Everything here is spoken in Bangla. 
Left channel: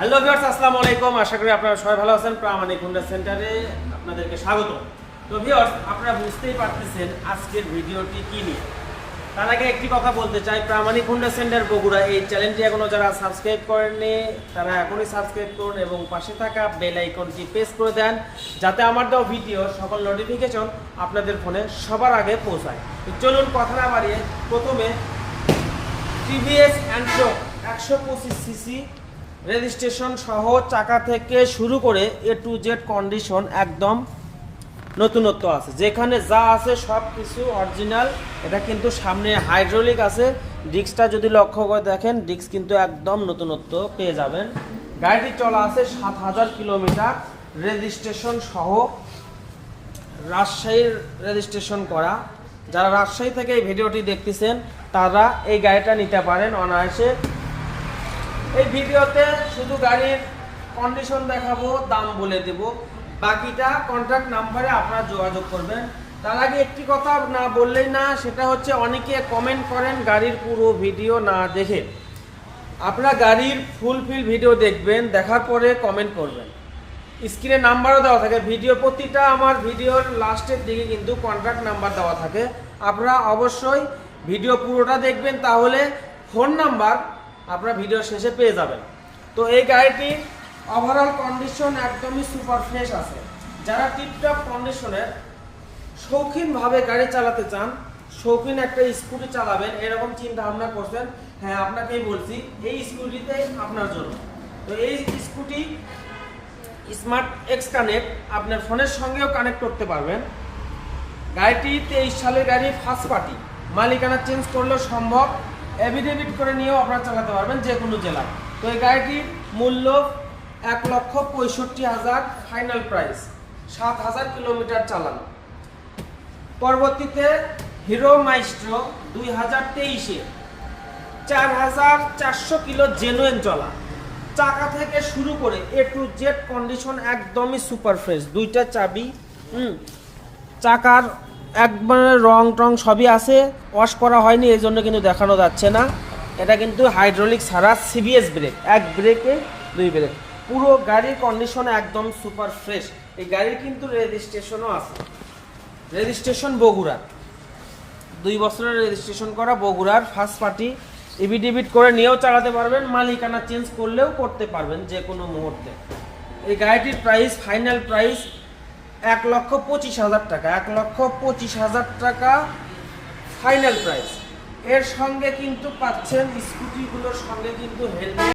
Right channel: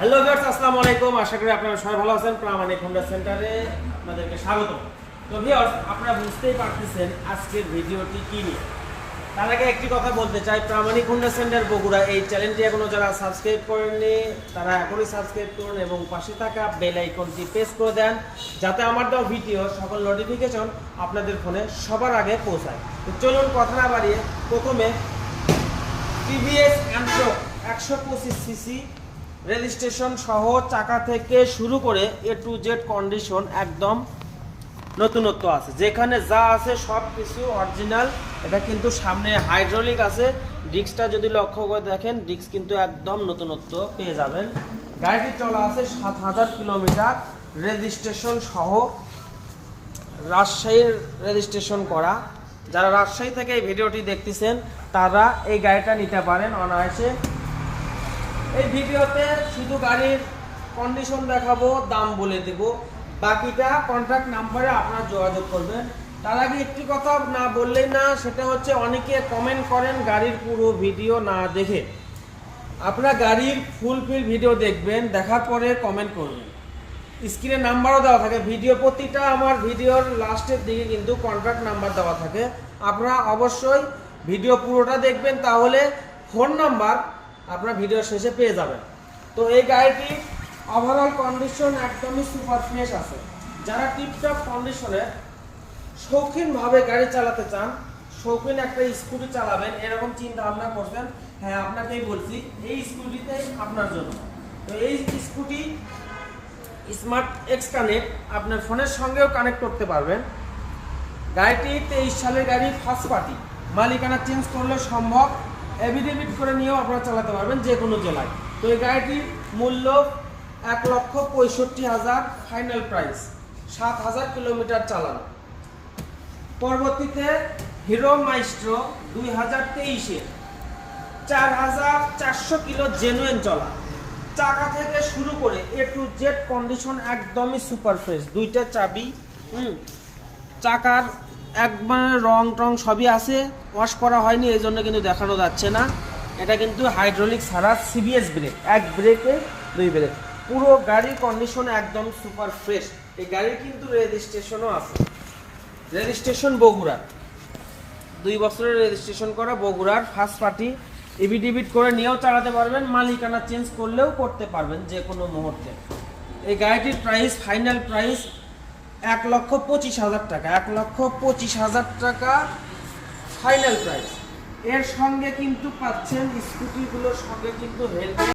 হ্যালো ভিউয়ার্স, আসসালামু আলাইকুম। আশা করি আপনারা সবাই ভালো আছেন। প্রামাণিক হোন্ডা সেন্টারে আপনাদেরকে স্বাগত। তো ভিউয়ার্স, আপনারা বুঝতেই পারতেছেন আজকের ভিডিওটি কি নিয়ে। তার আগে একটি কথা বলতে চাই, প্রামাণিক হোন্ডা সেন্টার বগুড়া এই চ্যানেলটি এখনো যারা সাবস্ক্রাইব করেননি তারা এখনই সাবস্ক্রাইব করুন এবং পাশে থাকা বেল আইকনটি প্রেস করে দেন, যাতে আমার দেওয়া ভিডিও সকল নোটিফিকেশন আপনাদের ফোনে সবার আগে পৌঁছায়। তো চলুন কথা না বাড়িয়ে প্রথমে টিভিএস অ্যান্ট্রোক 125 সিসি রেজিস্ট্রেশন সহ চাকা থেকে শুরু করে এ টু জেড কন্ডিশন একদম নতুনত্ব আছে, যেখানে যা আছে সব কিছু অরিজিনাল। এটা কিন্তু সামনে হাইড্রোলিক আছে, ডিস্কটা যদি লক্ষ্য করে দেখেন ডিস্ক কিন্তু একদম নতুনত্ব পেয়ে যাবেন। গাড়িটি চলা আছে 7000 কিলোমিটার, রেজিস্ট্রেশন সহ রাজশাহীর রেজিস্ট্রেশন করা। যারা রাজশাহী থেকে এই ভিডিওটি দেখতেছেন তারা এই গাড়িটা নিতে পারেন অনায়াসে। এই ভিডিওতে শুধু গাড়ির কন্ডিশন দেখাবো, দাম বলে দেব, বাকিটা কন্ট্যাক্ট নাম্বারে আপনারা যোগাযোগ করবেন। তার আগে একটি কথা না বললেই না, সেটা হচ্ছে অনেকে কমেন্ট করেন গাড়ির পুরো ভিডিও না দেখে। আপনারা গাড়ির ফুলফিল ভিডিও দেখবেন, দেখার পরে কমেন্ট করবেন। স্ক্রিনে নাম্বারও দেওয়া থাকে, ভিডিও প্রতিটা আমার ভিডিওর লাস্টের দিকে কিন্তু কন্ট্যাক্ট নাম্বার দেওয়া থাকে। আপনারা অবশ্যই ভিডিও পুরোটা দেখবেন, তাহলে ফোন নাম্বার আপনারা ভিডিও শেষে পেয়ে যাবেন। তো এই গাড়িটি ওভারঅল কন্ডিশন একদমই সুপার ফ্রেশ আছে। যারা টিপটপ কন্ডিশনের শৌখিনভাবে গাড়ি চালাতে চান, শৌখিন একটা স্কুটি চালাবেন এরকম চিন্তা ভাবনা করছেন, হ্যাঁ আপনাকেই বলছি এই স্কুটিতেই আপনার জন্য। তো এই স্কুটি স্মার্ট এক্স কানেক্ট আপনার ফোনের সঙ্গেও কানেক্ট করতে পারবেন। গাড়িটি 23 সালের গাড়ি, ফার্স্ট পার্টি, মালিকানা চেঞ্জ করলেও সম্ভব, এভিডেভিট করে নিয়েও আপনারা চালাতে পারবেন যে কোনো জেলায়। তো এই গাড়িটির মূল্য 1,65,000 ফাইনাল প্রাইস, 7000 কিলোমিটার চালানো। পরবর্তীতে হিরো মাইস্ট্রো 2023-এ 4400 কিলো জেনুইন চলা, চাকা থেকে শুরু করে এ টু জেড কন্ডিশন একদমই সুপার ফ্রেশ। দুইটা চাবি, চাকার একবার রং টং সবই আছে, ওয়াশ করা হয়নি এই জন্য কিন্তু দেখানো যাচ্ছে না। এটা কিন্তু হাইড্রোলিক ছাড়া সিবিএস ব্রেক, এক ব্রেকে দুই ব্রেক, পুরো গাড়ির কন্ডিশন একদম সুপার ফ্রেশ। এই গাড়ির কিন্তু রেজিস্ট্রেশনও আছে, রেজিস্ট্রেশন বগুড়া, 2 বছরের রেজিস্ট্রেশন করা, বগুড়ার ফার্স্ট পার্টি। এভিডেভিট করে নিয়েও চালাতে পারবেন, মালিকানা চেঞ্জ করলেও করতে পারবেন যে কোনো মুহূর্তে। এই গাড়িটির প্রাইস, ফাইনাল প্রাইস 1,25,000 টাকা, 1,25,000 টাকা ফাইনাল প্রাইস। এর সঙ্গে কিন্তু পাচ্ছেন স্কুটিগুলোর সঙ্গে কিন্তু হেলমেট।